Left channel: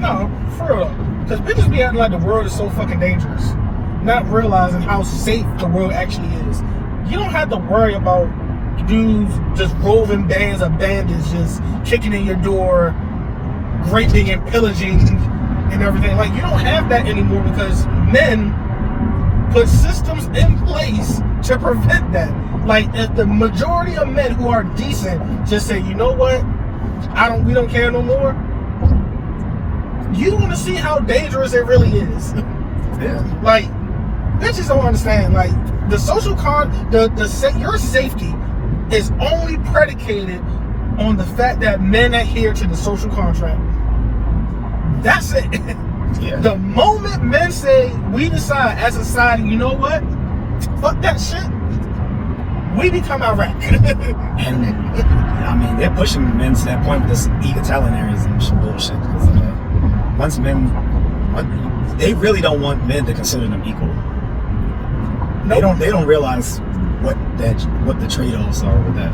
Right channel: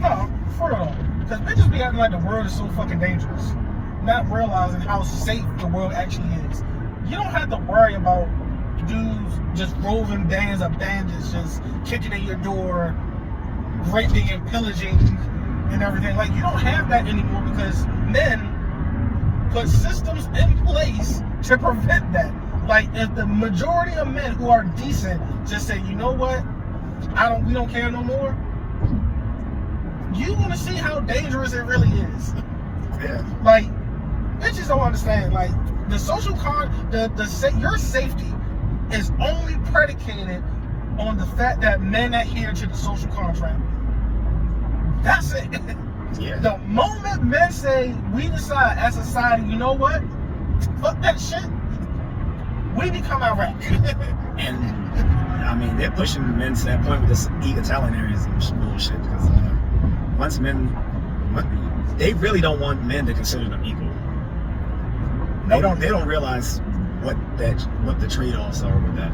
No, for real. Because bitches be acting like the world is so fucking dangerous, not realizing how safe the world actually is. You don't have to worry about dudes just roving bands of bandits just kicking in your door, raping and pillaging and everything. Like, you don't have that anymore because men put systems in place to prevent that. Like, if the majority of men who are decent just say, you know what, we don't care no more, you want to see how dangerous it really is. Yeah. Like, bitches don't understand. Like, the social your safety is only predicated on the fact that men adhere to the social contract. That's it. Yeah. The moment men say, we decide as a society, you know what, fuck that shit, we become Iraq. And I mean, they're pushing men to that point with this egalitarianism and bullshit. Because once men, they really don't want men to consider them equal. Nope. They don't realize what the trade-offs are with that.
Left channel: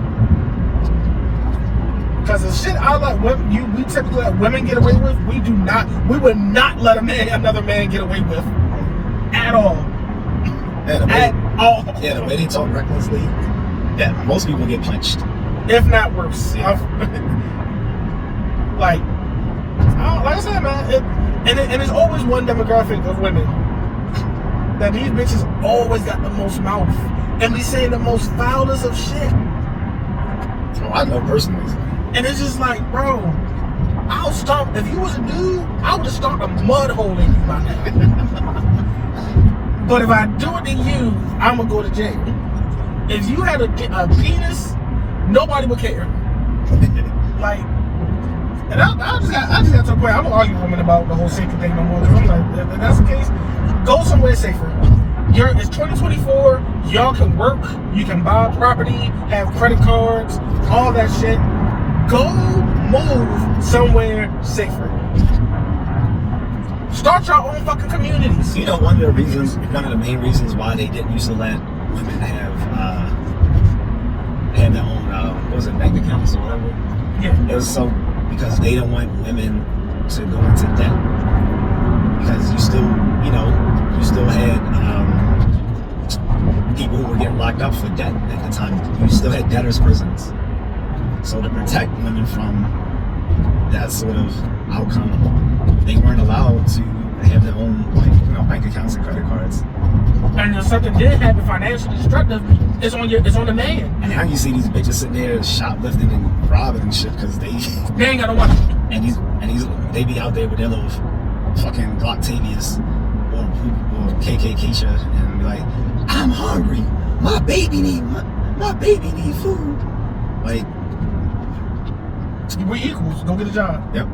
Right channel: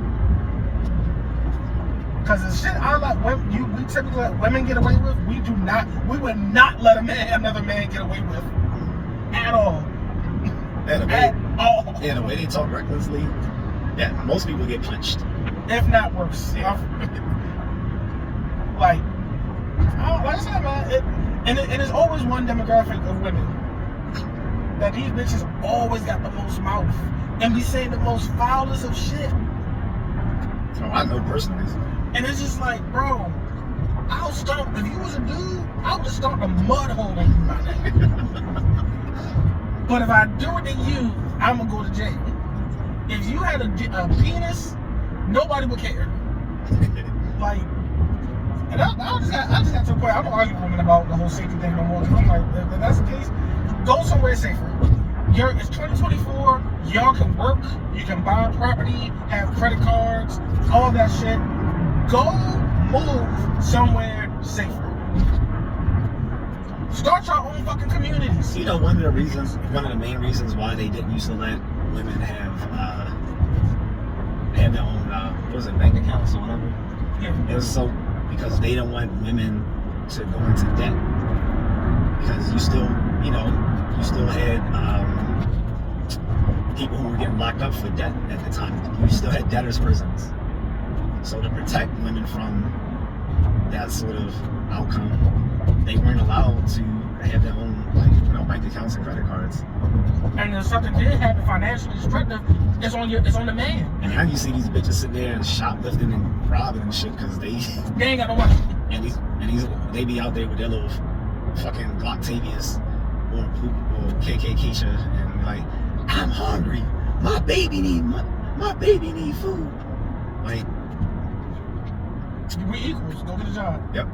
Because the shit I let women, we typically let women get away with, we would not let another man get away with at all. Yeah, All. Yeah, the way they talk recklessly, yeah, most people get punched. If not worse. Yeah. Like I said, man, and it's always one demographic of women that these bitches always got the most mouth and be saying the most foulest of shit. Oh, I know personally. And it's just like, bro, I'll stomp. If you was a dude, I would have stomped a mud hole in you, my nigga. But if I do it to you, I'm gonna go to jail. If you had a penis, nobody would care. Like, and I just got to the point. I don't argue with women about the whole safety thing no more. I'm like, if that's the case, go somewhere safer. It's 2024. Y'all can work. You can buy property, have credit cards, all that shit. Go move somewhere safer. Start your own fucking communities. You know, one of the main reasons why they didn't used to let women have their own bank accounts or whatever. Yeah. It was because they don't want women to go into debt. Because you still had people who were getting locked up for debt at the time. You still had debtors' prisons. So to protect women from that sort of outcome, they weren't allowed to have their own bank accounts and credit cards. And if something did happen financially destructive, it's on the man. And now you see these bitches sitting there shoplifting and robbing and shit because they ain't got no money. And they be out there with their little fucking Glocktavius or KK Keisha and be like, I'm hungry. My baby need food. Like, we equals. Go get a job. Yep.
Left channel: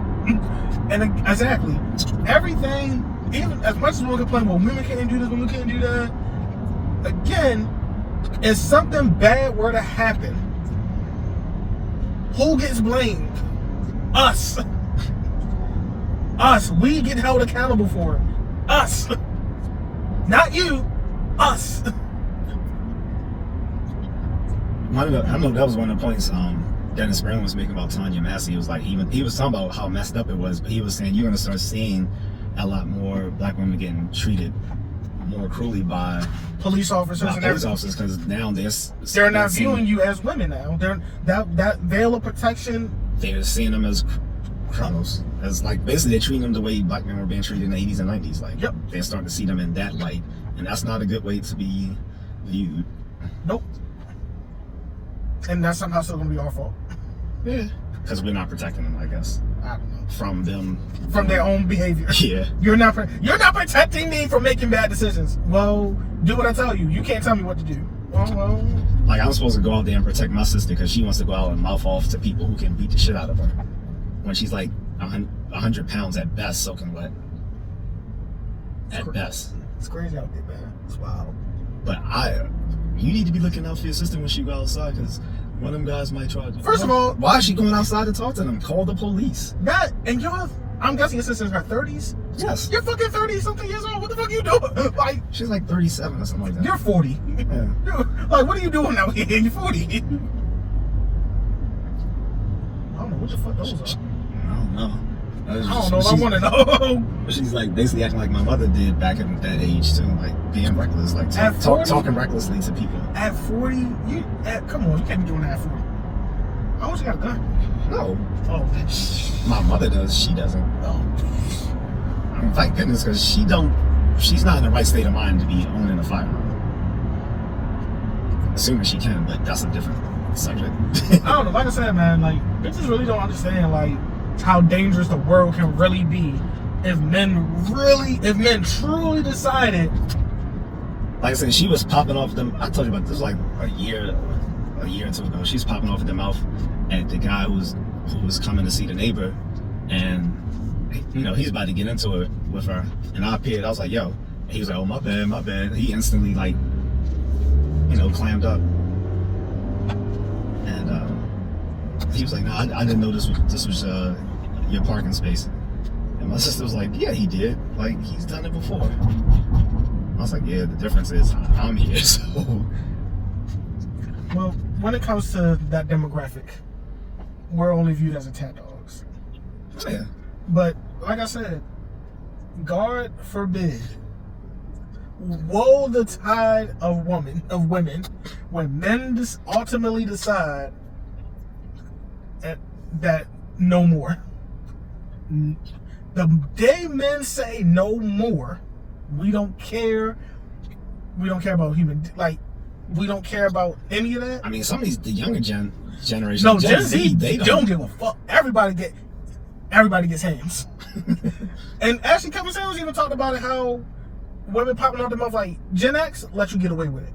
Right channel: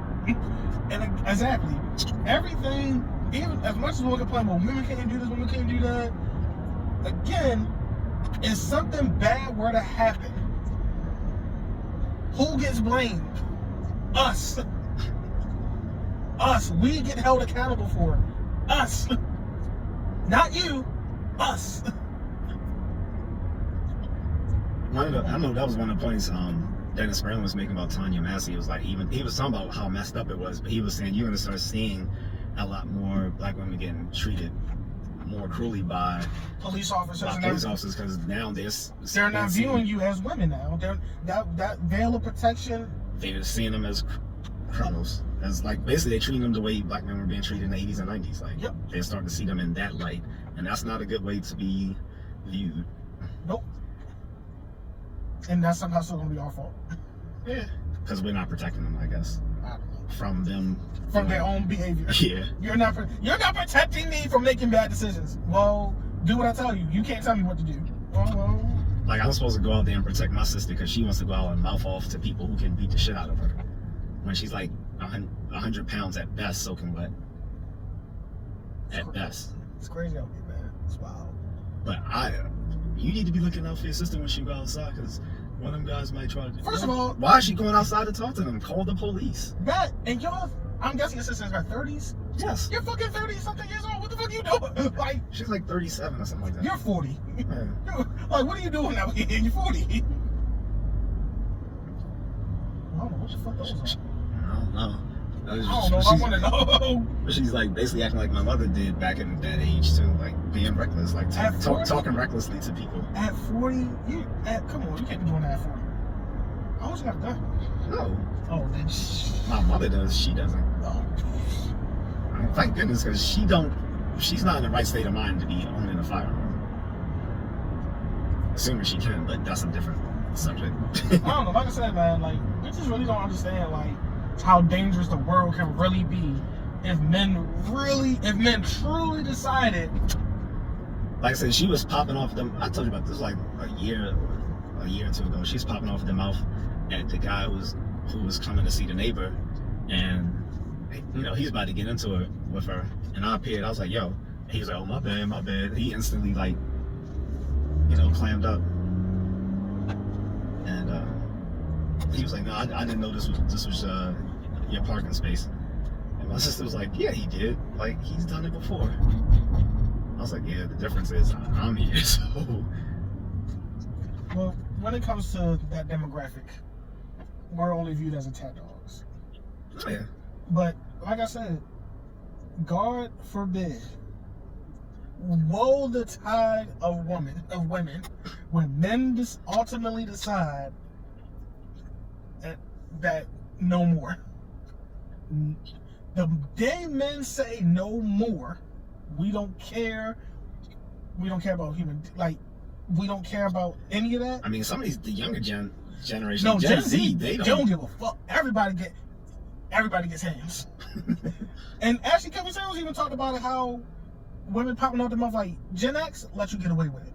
And exactly, everything, even as much as we'll complain, well, women can't do this, women can't do that. Again, if something bad were to happen, who gets blamed? Us. Us. We get held accountable for it. Us. Not you. Us. I know that was one of the points Dennis Green was making about Tanya Massey. It was like he was talking about how messed up it was, but he was saying you're gonna start seeing a lot more black women getting treated more cruelly by police officers because now they're not viewing you as women now. They're that veil of protection. They're seeing them as criminals. As like basically they're treating them the way black men were being treated in the 80s and 90s. Like they're starting to see them in that light, and that's not a good way to be viewed. Nope. And that's somehow still gonna be our fault. Yeah. Because we're not protecting them, I guess. I don't know. From them. From their own behavior. Yeah. You're not protecting me from making bad decisions. Well, do what I tell you. You can't tell me what to do. Well. Like, I'm supposed to go out there and protect my sister because she wants to go out and mouth off to people who can beat the shit out of her. When she's like 100 pounds at best, soaking wet. At best. It's crazy out there, man. It's wild. But you need to be looking out for your sister when she go outside because one of them guys might try to. First of all, why is she going outside to talk to them? Call the police. And y'all, I'm guessing your sister's in her 30s? Yes. You're fucking 30-something years old. What the fuck are you doing? Like, she's like 37 or something like that. You're 40. Yeah. Like, what are you doing out here? You're 40. I don't know what the fuck those are. I don't know. I don't know if I want to know. She's like basically acting like my mother did back in that age too, like being reckless, like talking recklessly to people. At 40, come on, you can't be doing that at 40. I always got a gun. No. Oh, my mother does. She doesn't. Oh. Thank goodness, because she's not in the right state of mind to be owning a firearm. Assuming she can, but that's a different subject. I don't know. Like I said, man, like bitches really don't understand like how dangerous the world can really be if men truly decided. Like I said, she was popping off them. I told you about this like a year or two ago. She's popping off at the mouth at the guy who was coming to see the neighbor, and he's about to get into it with her, and I appeared. I was like, "Yo," and he was like, "Oh, my bad." He instantly like, clammed up, and he was like, "No, I didn't know this was your parking space." And my sister was like, "Yeah, he did. Like he's done it before." I was like, "Yeah, the difference is I'm here." So, well, when it comes to that demographic, we're only viewed as attack dogs. Oh, yeah. But like I said, God forbid, woe the tide of women when men ultimately decide that no more. The day men say no more, we don't care. We don't care about we don't care about any of that. I mean, some of the younger generation, no, Gen Z, they don't give a fuck. Everybody gets hands. And actually, Kevin Samuels even talked about it, how women popping out their mouth like Gen X let you get away with it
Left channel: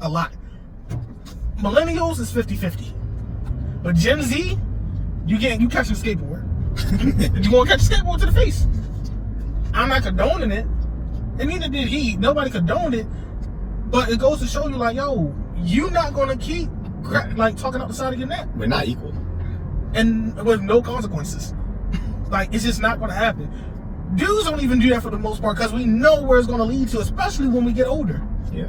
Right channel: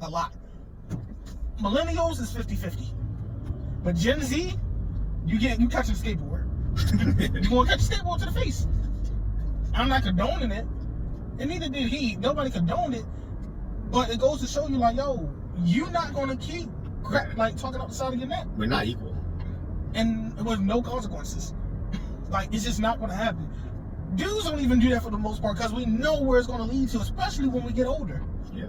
a lot. Millennials is 50-50, but Gen Z, you catch a skateboard. You gonna catch a skateboard to the face. I'm not condoning it, and neither did he. Nobody condoned it, but it goes to show you, like, yo, you're not gonna keep talking out the side of your neck. We're not equal, and with no consequences. Like, it's just not gonna happen. Dudes don't even do that for the most part because we know where it's gonna lead to, especially when we get older. Yeah.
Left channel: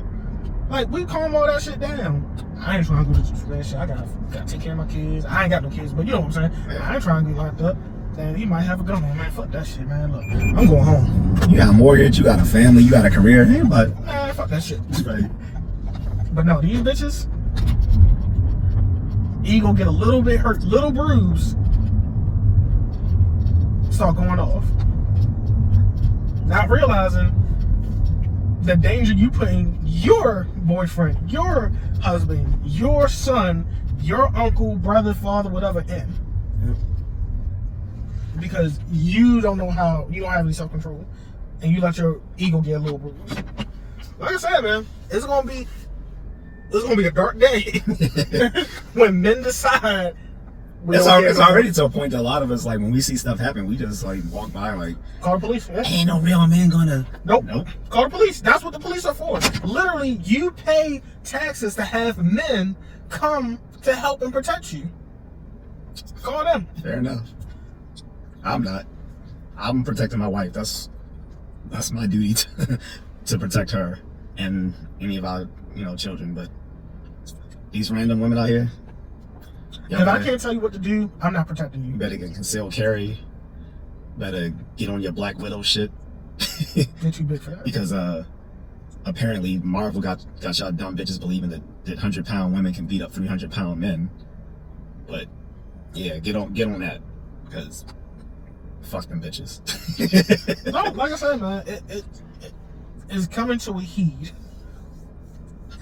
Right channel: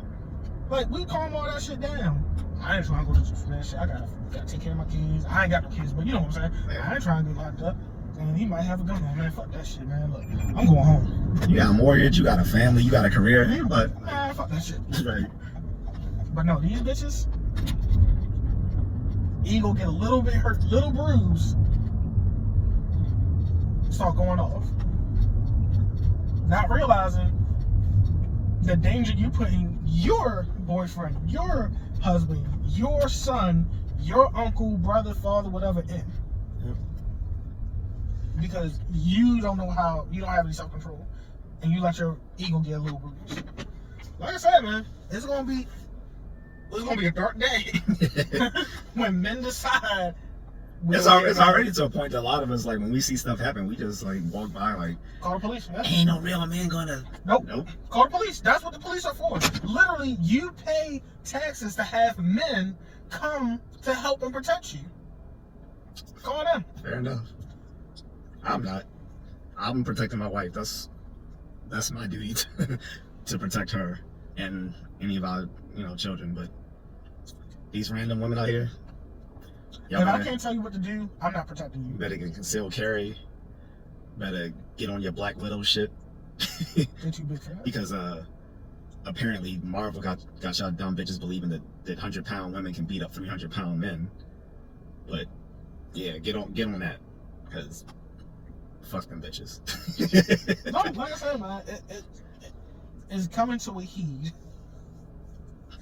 Like, we calm all that shit down. I ain't trying to go to that shit. I gotta take care of my kids. I ain't got no kids, but you know what I'm saying. Yeah. I ain't trying to get locked up. And he might have a gun on, man. Fuck that shit, man. Look, I'm going home. You got a mortgage, you got a family, you got a career, but man, fuck that shit. Right. But no, these bitches, ego get a little bit hurt, little bruise, start going off. Not realizing the danger you putting your boyfriend, your husband, your son, your uncle, brother, father, whatever in. Yeah. Because you don't know how, you don't have any self-control, and you let your ego get a little bruised. Like I said, man, it's gonna be a dark day when men decide. It's already to a point that a lot of us, like, when we see stuff happen, we just like walk by, like, call the police. Yeah. Ain't no real man gonna. Nope. Call the police. That's what the police are for. Literally, you pay taxes to have men come to help and protect you. Call them. Fair enough. I'm not. I'm protecting my wife. That's my duty to protect her and any of our children. But these random women out here. If I can't tell you what to do, I'm not protecting you. You better get concealed carry. Better get on your Black Widow shit. Get you big for that. Because apparently Marvel got y'all dumb bitches believing that 100-pound women can beat up 300-pound men. But yeah, get on that, because fuck them bitches. No, like I said, man, it is coming to a heat,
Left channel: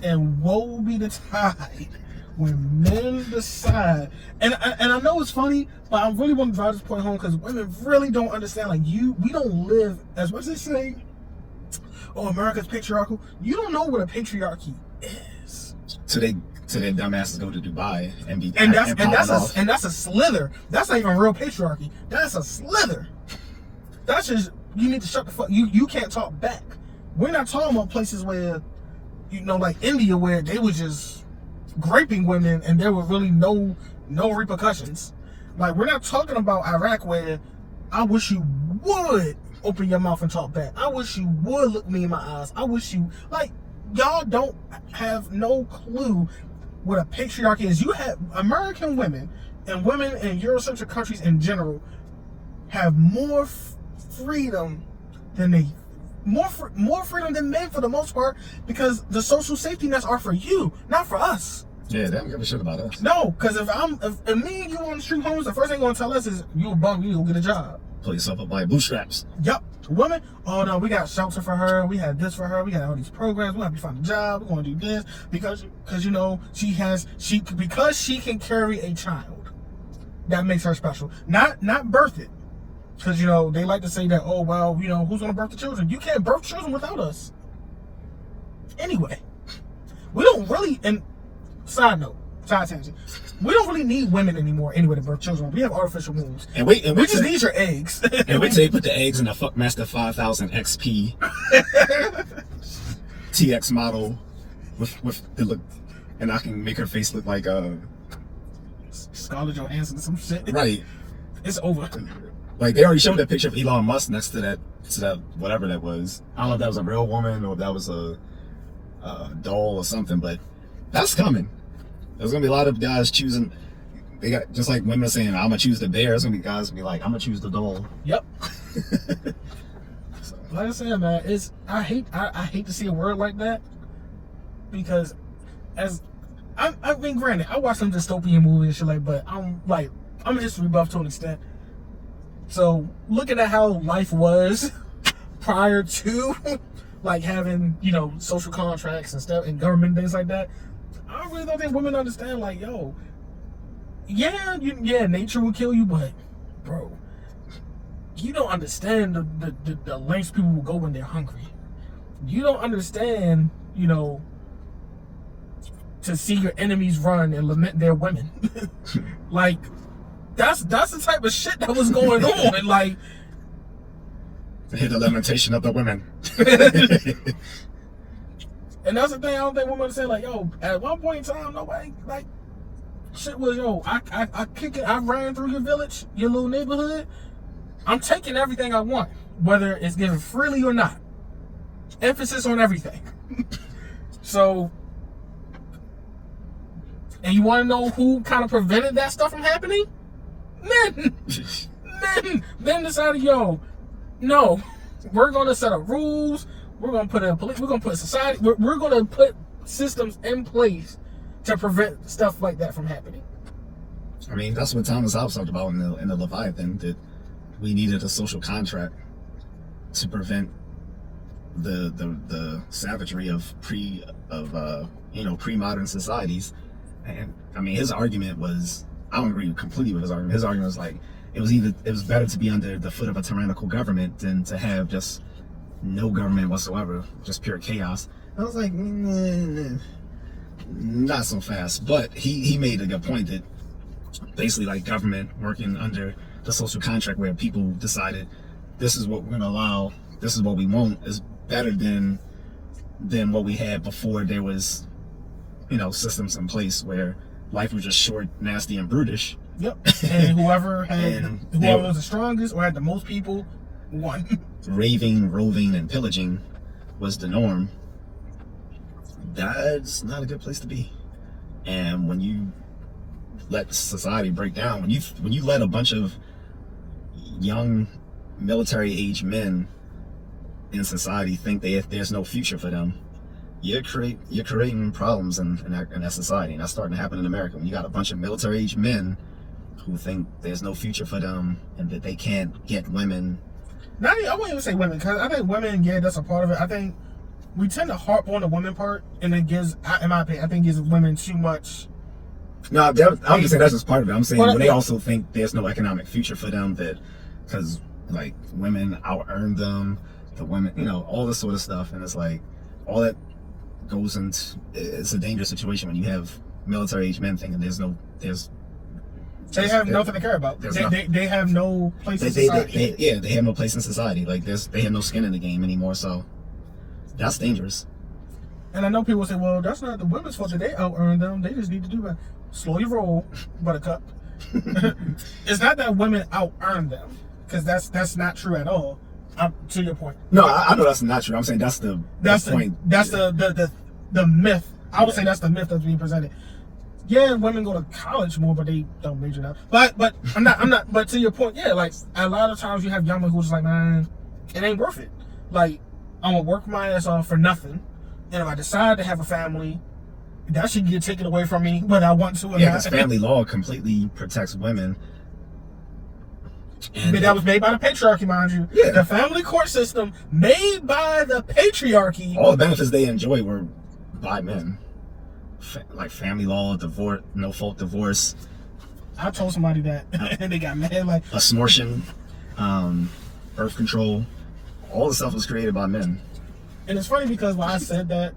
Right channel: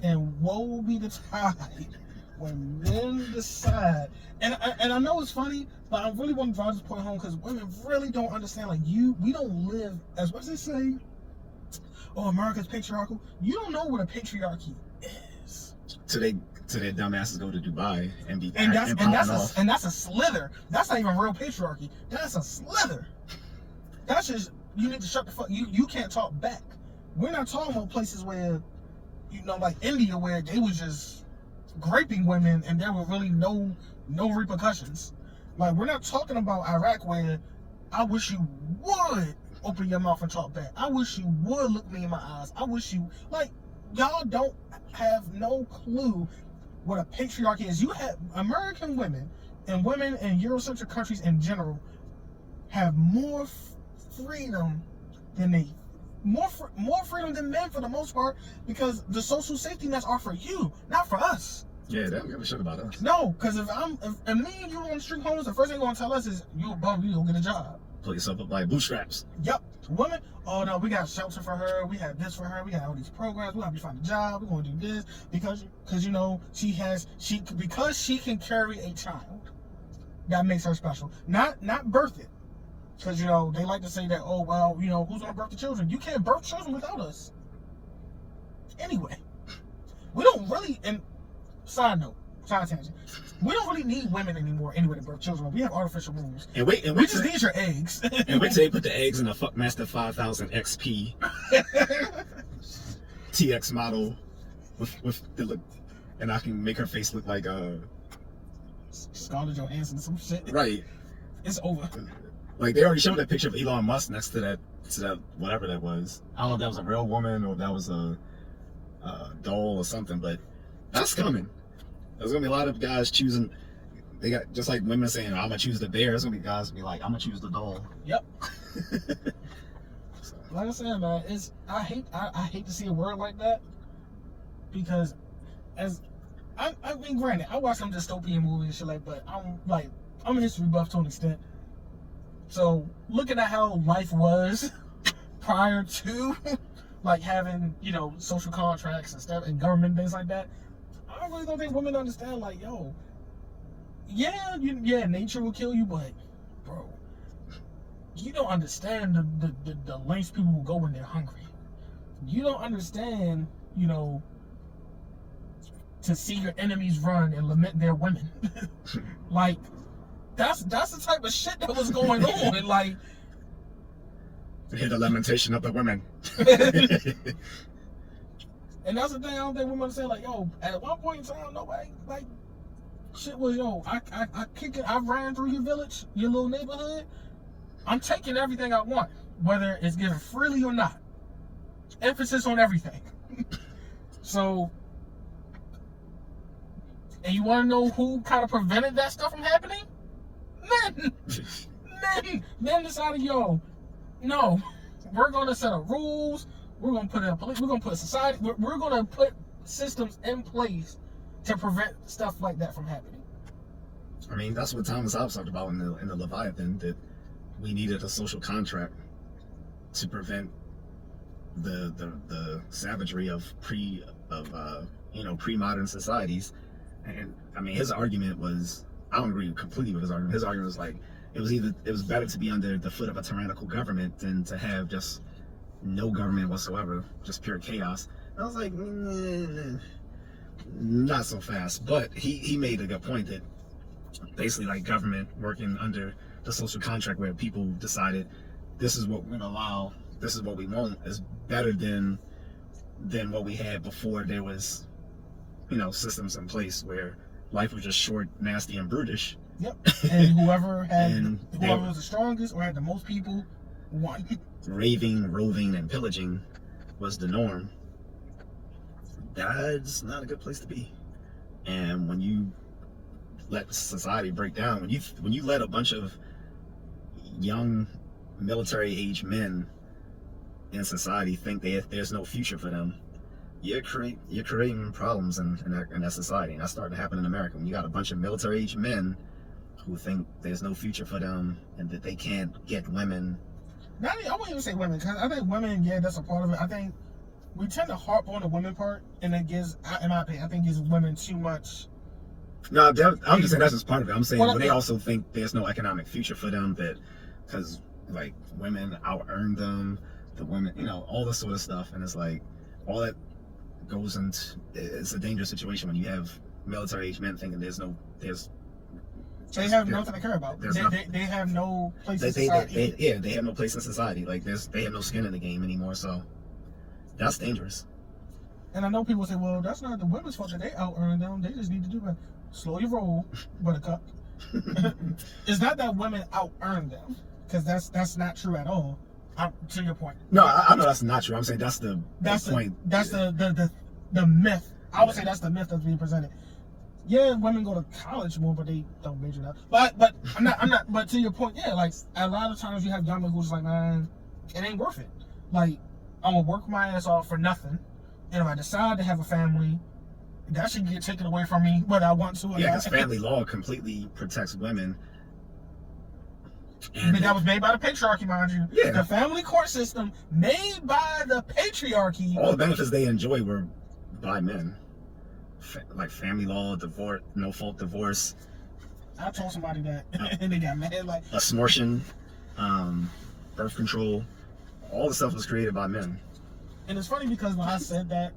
and woe be the tide when men decide. And I know it's funny, but I really want to drive this point home because women really don't understand. Like, we don't live, as much as they say, oh, America's patriarchal. You don't know what a patriarchy is. So their dumbasses go to Dubai and that's a slither. That's not even real patriarchy. That's a slither. That's just, you need to shut the fuck. You can't talk back. We're not talking about places where, like India, where they was just raping women and there were really no repercussions. Like, we're not talking about Iraq, where I wish you would open your mouth and talk back. I wish you would look me in my eyes. I wish you, like, y'all don't have no clue what a patriarchy is. You have American women and women in Eurocentric countries in general have more freedom than more freedom than men for the most part, because the social safety nets are for you, not for us. Yeah, they don't give a shit about us. No, because if me and you on the street homeless, the first thing they're gonna tell us is you a bum, you go get a job. Pull yourself up by your bootstraps. Yep. Women, oh no, we got shelter for her, we had this for her, we got all these programs, we got to find a job, we're gonna do this because you know because she can carry a child. That makes her special. Not birth it. Because, you know, they like to say that, oh, well, you know, who's going to birth the children? You can't birth children without us. Anyway, we don't really, and side tangent, we don't really need women anymore anyway to birth children. We have artificial wombs. And we just need your eggs. And wait till you put the eggs in the Fuckmaster 5000 XP TX model with the look, and I can make her face look like Scarlett Johansson, some shit. Right. It's over. Like, they already showed that picture of Elon Musk next to that whatever that was. I don't know if that was a real woman or if that was a doll or something, but that's coming. There's gonna be a lot of guys choosing. They got, just like women saying, "I'm gonna choose the bear." There's gonna be guys be like, "I'm gonna choose the doll." Yep. So, like I said, man, I hate to see a word like that, because I mean, granted, I watch some dystopian movies and shit like, but I'm a history buff to an extent. So looking at how life was prior to like having, you know, social contracts and stuff and government things like that, I really don't think women understand, like, yo, yeah, nature will kill you, but bro, you don't understand the lengths people will go when they're hungry. You don't understand, you know, to see your enemies run and lament their women. Like, that's the type of shit that was going on. And like, I hear the lamentation of the women. And that's the thing, I don't think women say, like, yo, at one point in time, nobody, like, shit was, yo, I kick it, I ran through your village, your little neighborhood, I'm taking everything I want, whether it's given freely or not. Emphasis on everything. So, and you want to know who kind of prevented that stuff from happening? Men decided, yo, no, we're going to set up rules. We're going to put we're going to put society, we're going to put systems in place to prevent stuff like that from happening. I mean, that's what Thomas Hobbes talked about in the Leviathan, that we needed a social contract to prevent the savagery of pre-modern societies. And I mean, his argument was, I don't agree completely with his argument. His argument was like, it was better to be under the foot of a tyrannical government than to have just no government whatsoever, just pure chaos. I was like, not so fast. But he made a good point that basically, like, government working under the social contract where people decided this is what we're gonna allow, this is what we want, is better than what we had before there was, you know, systems in place where life was just short, nasty, and brutish. Yep. And whoever was the strongest or had the most people won. Raving, roving, and pillaging was the norm. That's not a good place to be. And when you let society break down, when you let a bunch of young military-age men in society think there's no future for them, you're creating problems in that society. And that's starting to happen in America. When you got a bunch of military-age men who think there's no future for them and that they can't get women. Now, I wouldn't even say women, because I think women, yeah, that's a part of it. I think we tend to harp on the women part, and it gives, in my opinion, I think gives women too much. No, I'm just saying that's just part of it. I'm saying when they also think there's no economic future for them, that because like women out-earn them, the women, you know, all this sort of stuff, and it's like all that goes into, it's a dangerous situation when you have military-age men thinking they have nothing to care about. They have no place in society. They have no place in society. Like they have no skin in the game anymore. So that's dangerous. And I know people say, well, that's not the women's fault that they out-earn them. They just need to do it. Slow your roll, buttercup. It's not that women out-earn them, because that's not true at all. To your point. No, I know that's not true. I'm saying that's the point. That's the myth. I would say that's the myth that's being presented. Yeah, women go to college more, but they don't major now. But I'm not. But to your point, yeah, like a lot of times you have young men who's like, man, it ain't worth it. Like, I'm gonna work my ass off for nothing, and if I decide to have a family, that should get taken away from me whether I want to or not. Yeah, because family law completely protects women. But that was made by the patriarchy, mind you. Yeah. The family court system made by the patriarchy. All the benefits they enjoy were by men. Like family law, divorce, no fault divorce. I told somebody that, and they got mad. Like, abortion, birth control, all the stuff was created by men. and it's funny because when I said that,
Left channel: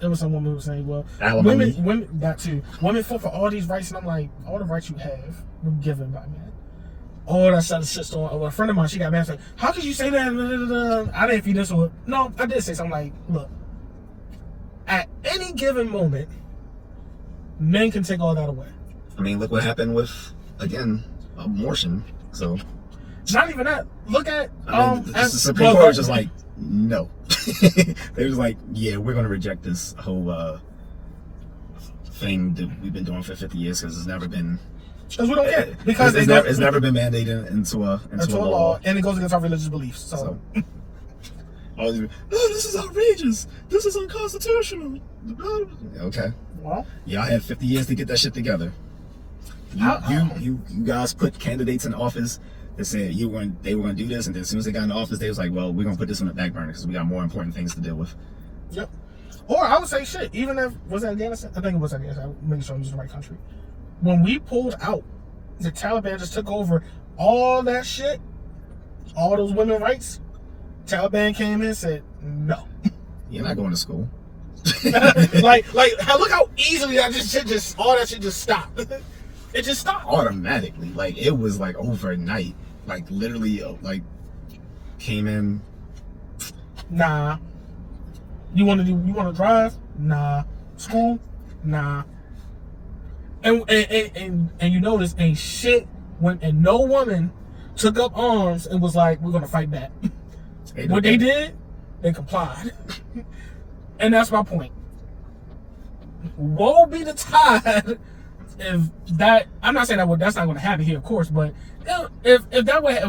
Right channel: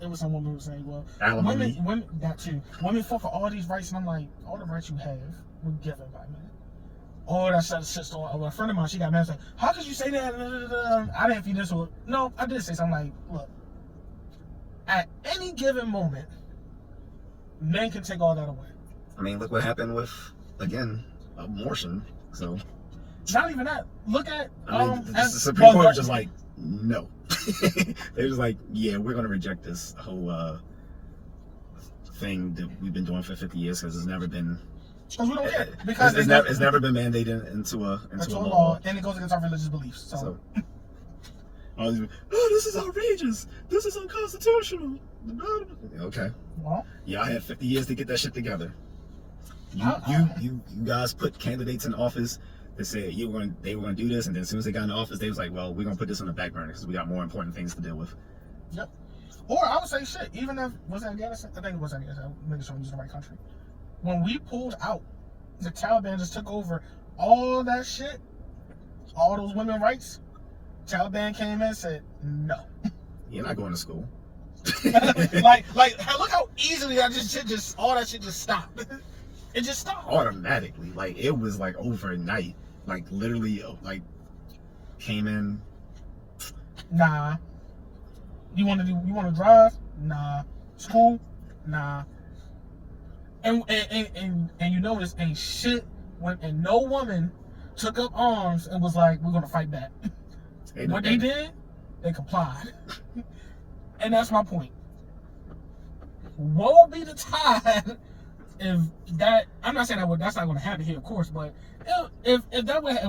there was some woman who was saying, "Well, Alimony. women, that too. Women fought for all these rights," and I'm like, all the rights you have were given by men. Oh, that shit shitstorm. A friend of mine, she got mad. Like, how could you say that? I didn't feed this one. No, I did say something like, look, at any given moment, men can take all that away. I mean, look what happened with, again, abortion. So, not even that. Look at the Supreme Court was just like, no. They was like, yeah, we're going to reject this whole thing that we've been doing for 50 years because it's never been. Because we don't care. Because it's never been mandated into a law, and it goes against our religious beliefs. So. Oh, this is outrageous. This is unconstitutional. Okay. Well, y'all had 50 years to get that shit together. You guys put candidates in office that said they were going to do this, and then as soon as they got in office, they was like, well, we're going to put this on the back burner because we got more important things to deal with. Yep. Or I would say shit. Even if was that Afghanistan? I think it was Afghanistan. I'm making sure I'm using the right country. When we pulled out, the Taliban just took over all that shit, all those women's rights. Taliban came in and said, no. You're not going to school. like, look how easily all that shit just stopped. It just stopped. Automatically. Like, it was like overnight. Like, literally, like, came in. Nah. You want to drive? Nah. School? Nah. And you notice ain't shit and no woman took up arms and was like, we're gonna fight back. What they did, they complied. And that's my point. Woe be the tide if that, I'm not saying that's not gonna happen here, of course, but if that way,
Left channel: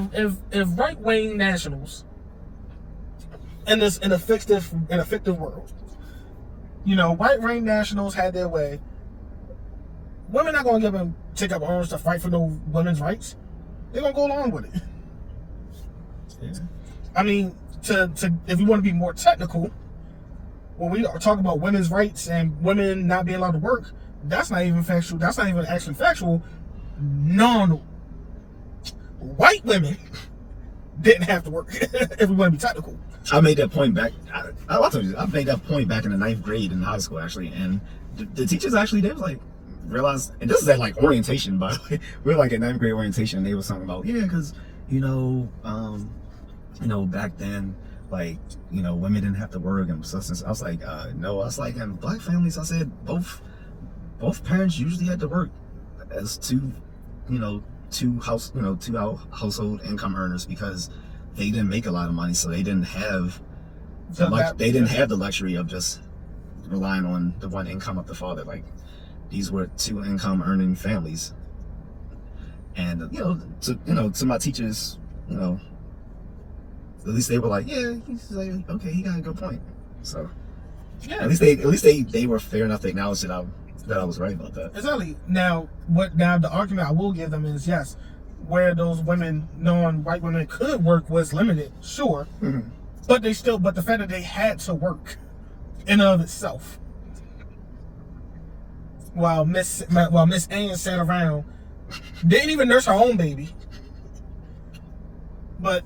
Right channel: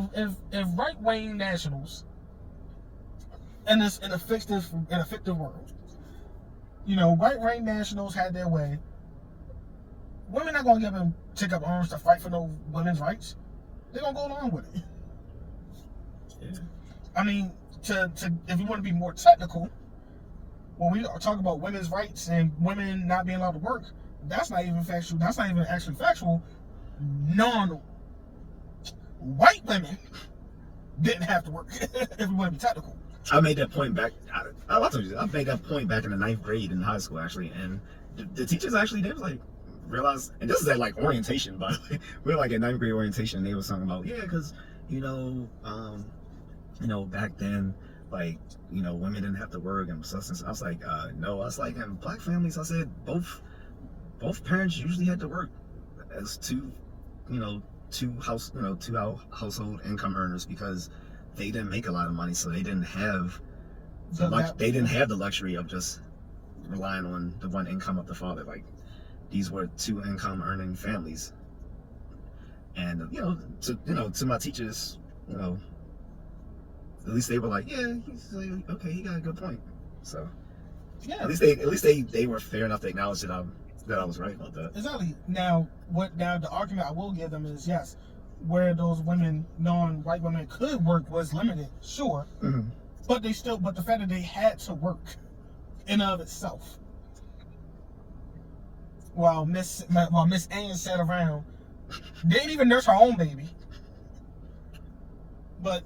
if right wing nationals in an effective world, you know, right wing nationals had their way. Women not gonna take up arms to fight for no women's rights. They're gonna go along with it. Yeah. I mean, if you want to be more technical, when we are talking about women's rights and women not being allowed to work, that's not even factual. That's not even actually factual. No. White women didn't have to work. If we want to be technical. I made that point back. I made that point back in the 9th grade in high school, actually, and the teachers actually, they was like, realized, and this is at like orientation, by the way. We're like at 9th grade orientation, and they was talking about, yeah, because back then, like, women didn't have to work and such. I was like, no. I was like, in black families, I said both parents usually had to work as two household income earners because they didn't make a lot of money, so they didn't have the luxury of just relying on the one income of the father. Like, these were 2 income earning families, and to my teachers, at least they were like, yeah, he's like, okay, he got a good point. So yeah, at least they were fair enough to acknowledge that I was right about that. Exactly. Now the argument I will give them is, yes, where those women, non-white women, could work was limited, sure, mm-hmm. but the fact that they had to work in and of itself. While Miss Ann sat around, didn't even nurse her own baby. But,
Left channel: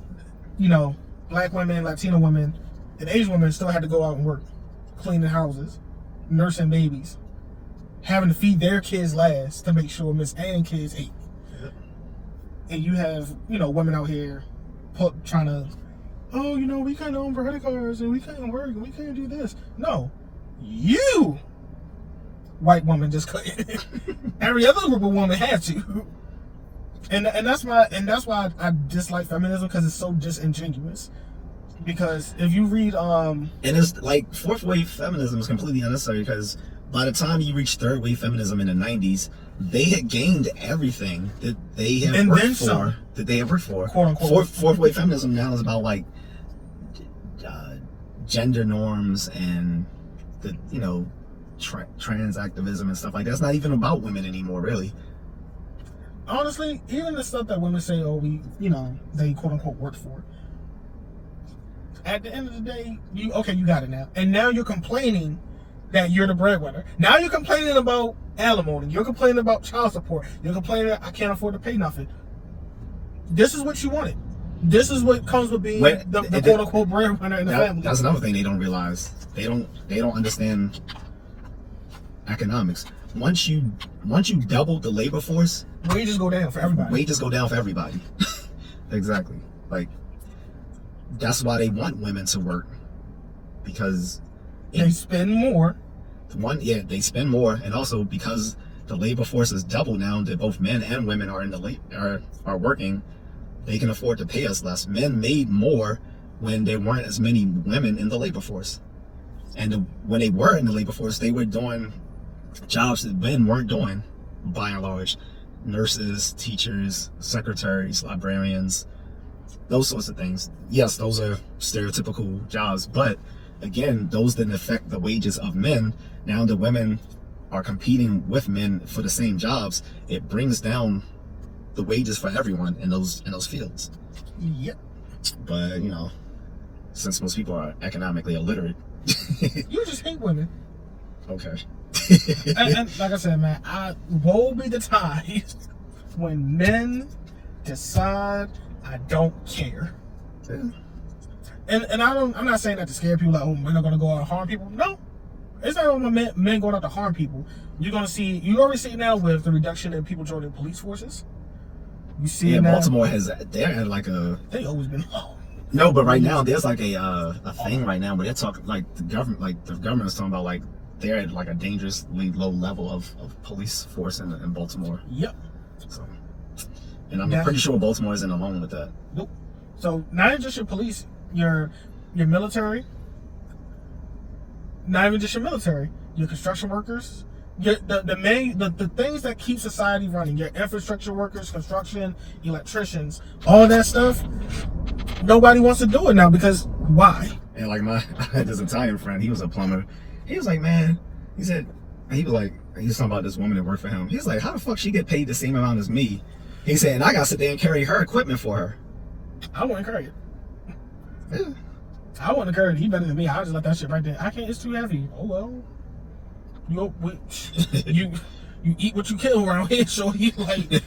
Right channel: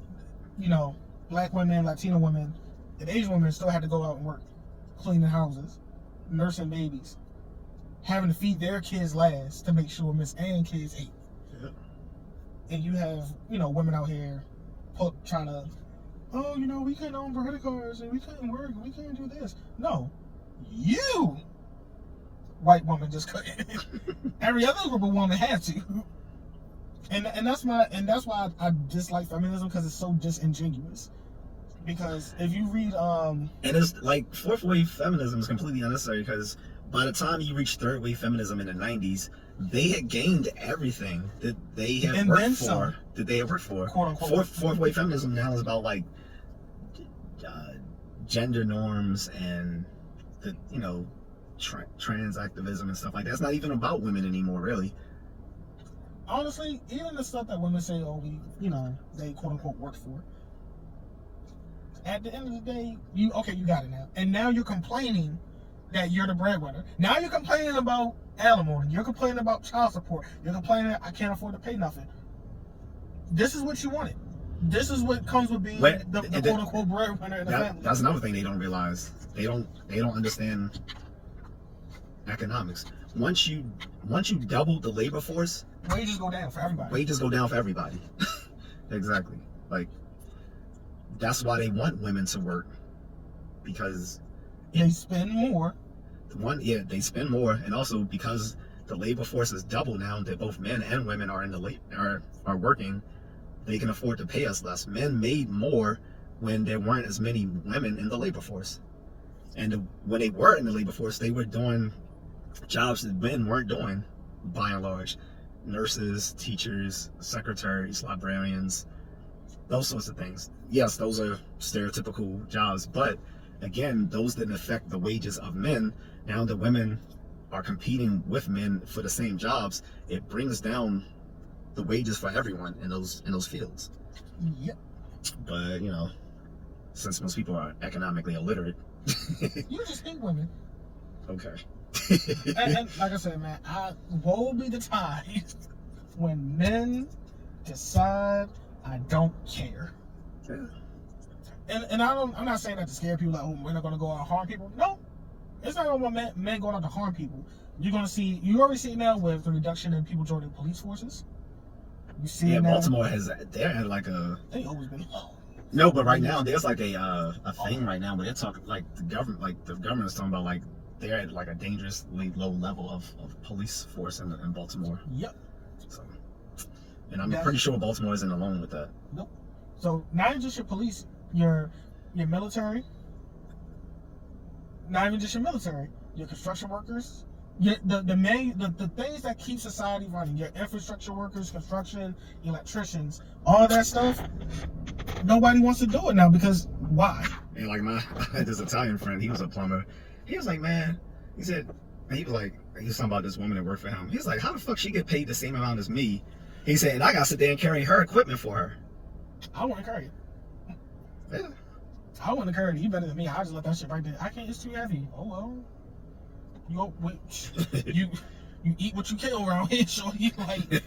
black women, Latino women, and Asian women still had to go out and work, cleaning houses, nursing babies, having to feed their kids last to make sure Miss Ann kids ate. Yeah. And you have, women out here trying to, we can't own credit cards and we can't work and we can't do this. No, you, white woman, just couldn't. Every other group of women had to. And that's why I dislike feminism, because it's so disingenuous. Because if you read and it's like 4th wave feminism is completely unnecessary, because by the time you reach third wave feminism in the 90s, they had gained everything that they have And worked then for. some. That they have worked for. Quote unquote. Fourth wave feminism now is about like gender norms and the trans activism and stuff like that. It's not even about women anymore, really. Honestly, even the stuff that women say, oh, they quote unquote worked for. At the end of the day, you got it now. And now you're complaining that you're the breadwinner. Now you're complaining about alimony. You're complaining about child support. You're complaining that I can't afford to pay nothing. This is what you wanted. This is what comes with being the quote unquote breadwinner in the family. That's another thing they don't realize. They don't understand economics. Once you double the labor force, wages go down for everybody. Wages go down for everybody. Exactly. Like, that's why they want women to work, because they spend more. They spend more, and also because the labor force is double now, that both men and women are in the are working, they can afford to pay us less. Men made more when there weren't as many women in the labor force, and when they were in the labor force, they were doing jobs that men weren't doing, by and large. Nurses, teachers, secretaries, librarians, those sorts of things. Yes, those are stereotypical jobs, but again, those didn't affect the wages of men. Now the women are competing with men for the same jobs. It brings down the wages for everyone in those fields. Yep. But since most people are economically illiterate, you just hate women. Okay. and like I said, man, woe be the time when men decide I don't care. Yeah. And I'm not saying that to scare people, like, oh, men are gonna go out and harm people. No, it's not about men going out to harm people. You already see it now with the reduction in people joining police forces. You see it now. Baltimore they're they always been low. No, but right now there's like a thing right now where they're talking, like the government is talking about, like, they're at like a dangerously low level of police force in Baltimore. Yep. So, and I'm pretty sure Baltimore isn't alone with that. Nope. So not just your police, your military, not even just your military, your construction workers, the things that keep society running, your infrastructure workers, construction, electricians, all that stuff. Nobody wants to do it now because why? And like I had this Italian friend, he was a plumber. He was like, man, he was talking about this woman that worked for him. He was like, how the fuck she get paid the same amount as me? He said, and I got to sit there and carry her equipment for her. I wouldn't carry it. Yeah. I wouldn't carry it. He better than me. I just let that shit right there. I can't. It's too heavy. Oh well. You eat what you kill around here, so he like.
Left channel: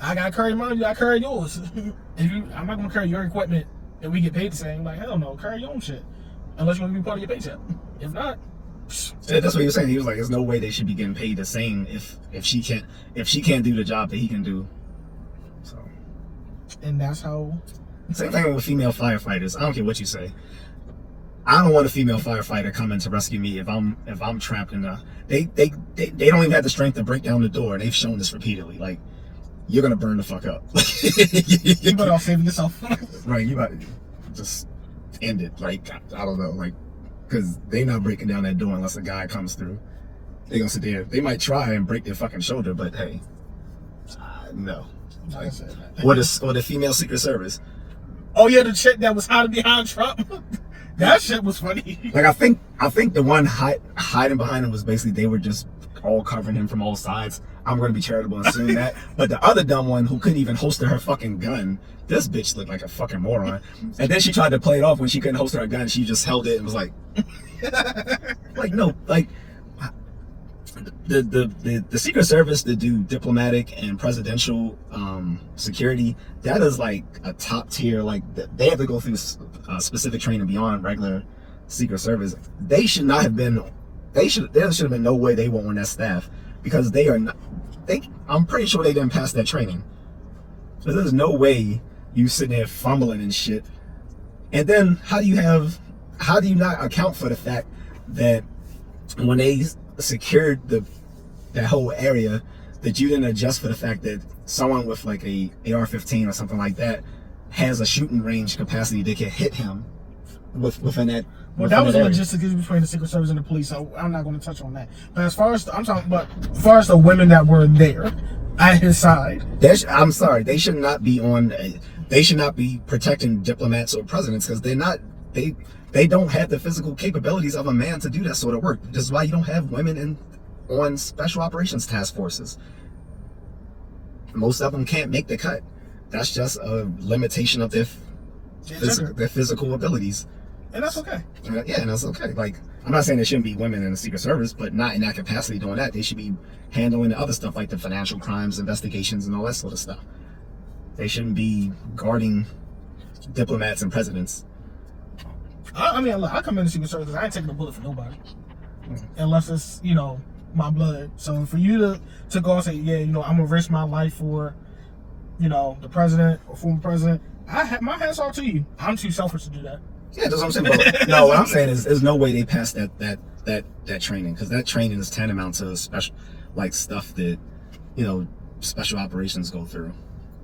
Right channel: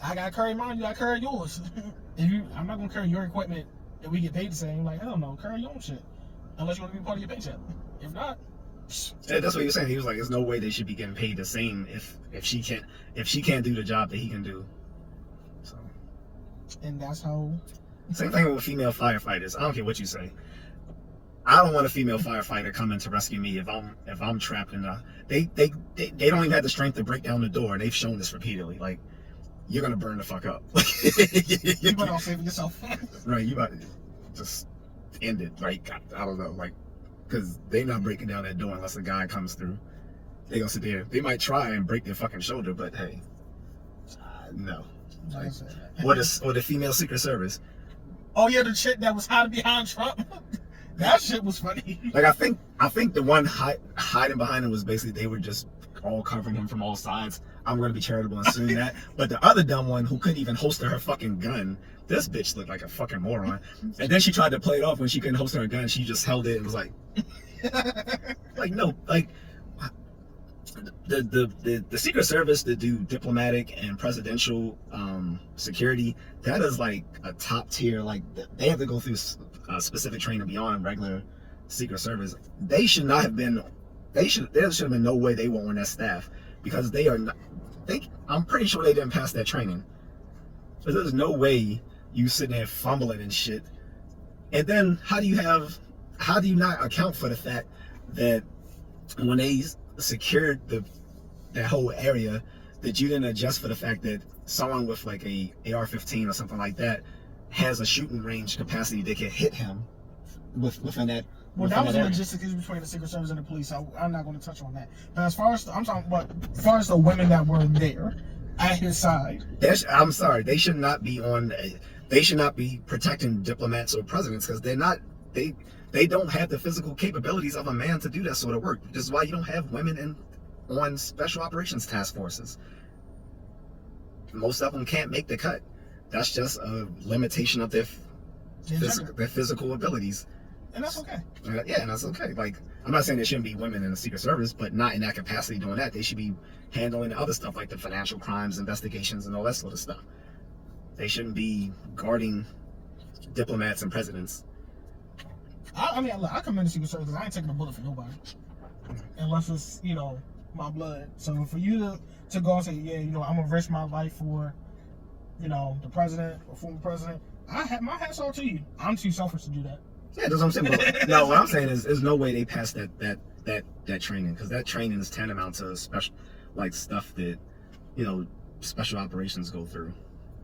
I gotta carry mine. You gotta carry yours. I'm not gonna carry your equipment and we get paid the same. Like, hell no. Carry your own shit. Unless you want to be part of your paycheck. If not, yeah, that's what he was saying. He was like, "There's no way they should be getting paid the same if she can't do the job that he can do." So, and that's how. Same thing with female firefighters. I don't care what you say. I don't want a female firefighter coming to rescue me if I'm trapped in a. They don't even have the strength to break down the door, and they've shown this repeatedly. Like, you're gonna burn the fuck up. You better off saving yourself. Right, you better just end it. Like, I don't know, like, because they not breaking down that door unless a guy comes through. They gonna sit there. They might try and break their fucking shoulder, but hey, no. Like, or the female Secret Service. Oh yeah, the chick that was hiding behind Trump. That shit was funny. Like, I think the one hiding behind him was basically they were just all covering him from all sides. I'm going to be charitable and assume that. But the other dumb one who couldn't even holster her fucking gun, this bitch looked like a fucking moron. And then she tried to play it off when she couldn't holster her gun. She just held it and was like, like, no, like, the Secret Service to do diplomatic and presidential security, that is like a top tier. Like, they have to go through specific training beyond regular Secret Service. They should not have been. There should have been no way they were on that staff, because they are not. I'm pretty sure they didn't pass that training. So there's no way you sitting there fumbling and shit. And then how do you not account for the fact that when they secured that whole area, that you didn't adjust for the fact that someone with like a AR-15 or something like that has a shooting range capacity that can hit him within that Well, that was logistics between the Secret Service and the police. So I'm not going to touch on that. But as far as as far as the women that were there at his side, I'm sorry, they should not be on. They should not be protecting diplomats or presidents because they're not. They don't have the physical capabilities of a man to do that sort of work. This is why you don't have women on special operations task forces. Most of them can't make the cut. That's just a limitation of their physical abilities. And that's okay. Yeah, and that's okay. Like, I'm not saying there shouldn't be women in the Secret Service, but not in that capacity doing that. They should be handling the other stuff like the financial crimes investigations and all that sort of stuff. They shouldn't be guarding diplomats and presidents. I mean, look, I come in the Secret Service because I ain't taking a bullet for nobody. Unless it's, my blood. So for you to go and say, yeah, I'm going to risk my life for, the president or former president, my hat's off to you. I'm too selfish to do that. Yeah, that's what I'm saying. But, no, what I'm saying is there's no way they pass that training, because that training is tantamount to special, like, stuff that, special operations go through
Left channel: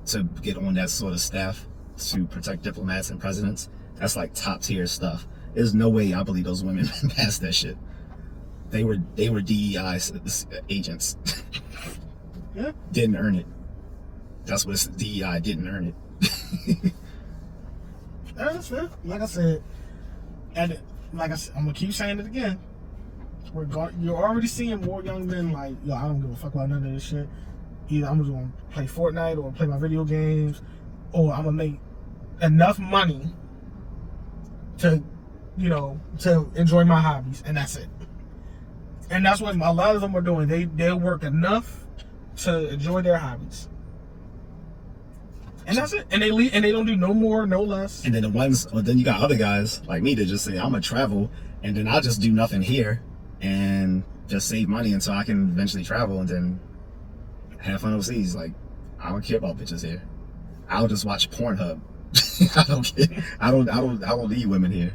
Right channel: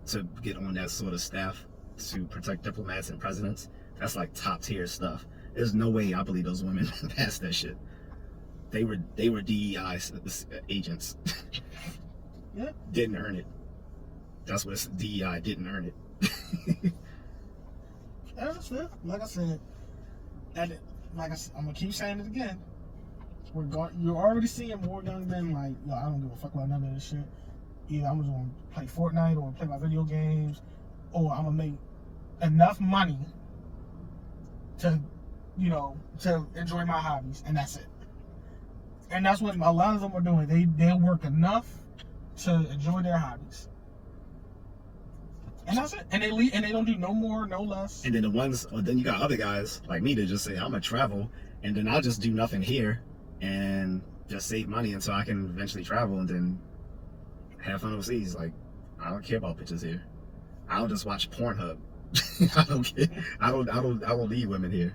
to get on that sort of staff to protect diplomats and presidents. That's like top tier stuff. There's no way I believe those women passed that shit. They were DEI agents. Yeah. Didn't earn it. That's what it's, DEI didn't earn it. That's fair. Like I said, I'm gonna keep saying it again. You're already seeing more young men like, I don't give a fuck about none of this shit. Either I'm just gonna play Fortnite or play my video games, or I'm gonna make enough money to enjoy my hobbies, and that's it. And that's what a lot of them are doing. They'll work enough to enjoy their hobbies. And that's it. And they don't do no more, no less. And then then you got other guys like me that just say, I'm gonna travel, and then I'll just do nothing here and just save money until I can eventually travel and then have fun overseas. Like, I don't care about bitches here. I'll just watch Pornhub. I don't care. I don't need women here.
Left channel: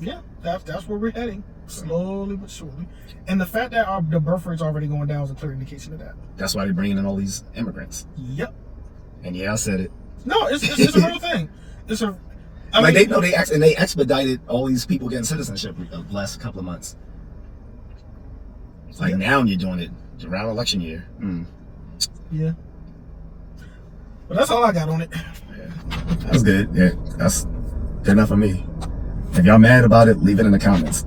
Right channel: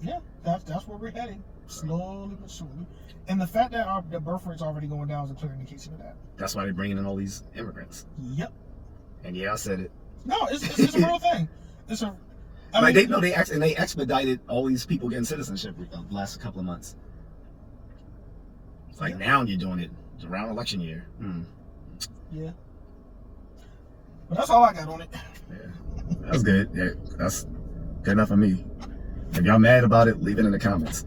Yeah, that's where we're heading, slowly but surely. And the fact that the birth rate's already going down is a clear indication of that. That's why they're bringing in all these immigrants. Yep. And yeah, I said it. No, it's a real thing. They expedited all these people getting citizenship the last couple of months. It's like now you're doing it around election year. Yeah. But that's all I got on it. Yeah, that's good. Yeah, that's good enough for me. If y'all mad about it, leave it in the comments.